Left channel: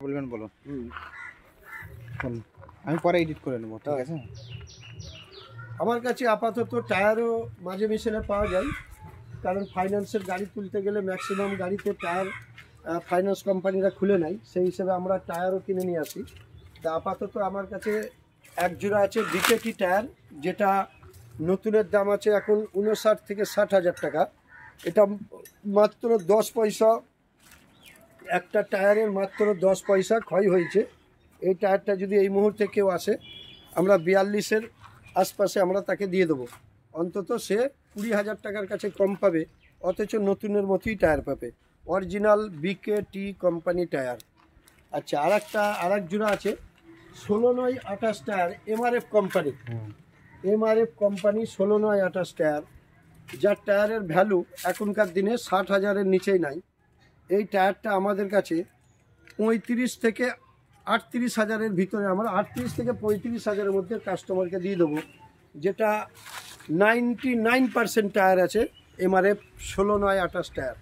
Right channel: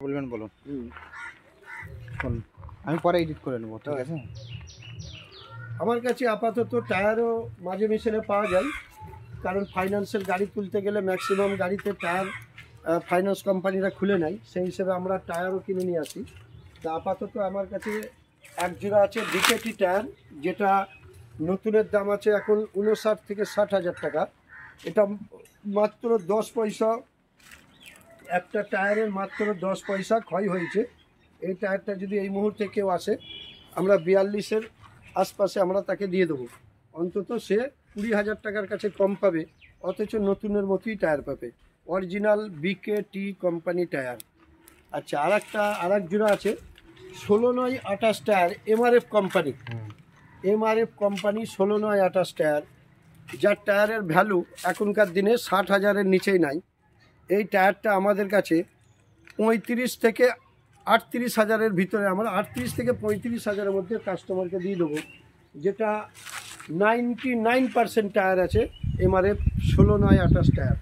বলবেন বলুন। বলুন, আমি পরে এডিট করে নেবো, ঠিক আছে। আমার কাছে আপাতত টায়ারও মাঝে মিশিয়ে পাওয়া যায়, কারণ ফাইন্যান্সের গাড়ি তুলতে গেলে ম্যাক্সিমাম গাড়িতে টায়ার ফাইন্যান্স কোম্পানিরা খুলে নেয়, সেই হিসেবে আমরা টায়ারও কিনে নিয়ে আসি। তা আপাতত আমার কাছে এক জোড়া আছে ডিকেটি টায়ার, যেটা নতুনের দাম আছে এখন 59 থেকে 60,000 টাকা। এটা মাত্র 10 পয়সা, একটা টায়ারের মাত্র 10 পয়সা ক্ষয় হয়েছে। এই টায়ারটা যদি এই মুহূর্তে কেউ আসে, আমরা 42-এর আশপাশে আমরা তাকে দিয়ে দেবো, অন্তত সে 20,000 টাকার কাছে কম পাবে, অথচ নতুনের মতোই টায়ার পাবে, অরিজিনাল বিকেটি কোম্পানি টায়ার। আচ্ছা, আর এক জোড়া আছে 16/9/28 tyre, MRF company, MRF company 16/9/28 tyre, যার টায়ারের ভ্যালু এখনকার দিনে 60,000-এর নিচেই নাই। এই টায়ারটা আমাদের কাছে 35 থেকে 38,000-এর ভিতরে, আমরা 38 থেকে 35,000-এর মধ্যে কাস্টমারকে দিয়ে দেবো, যেটা 99% টায়ার আছে এমআরএফ 16/9/28 টায়ার।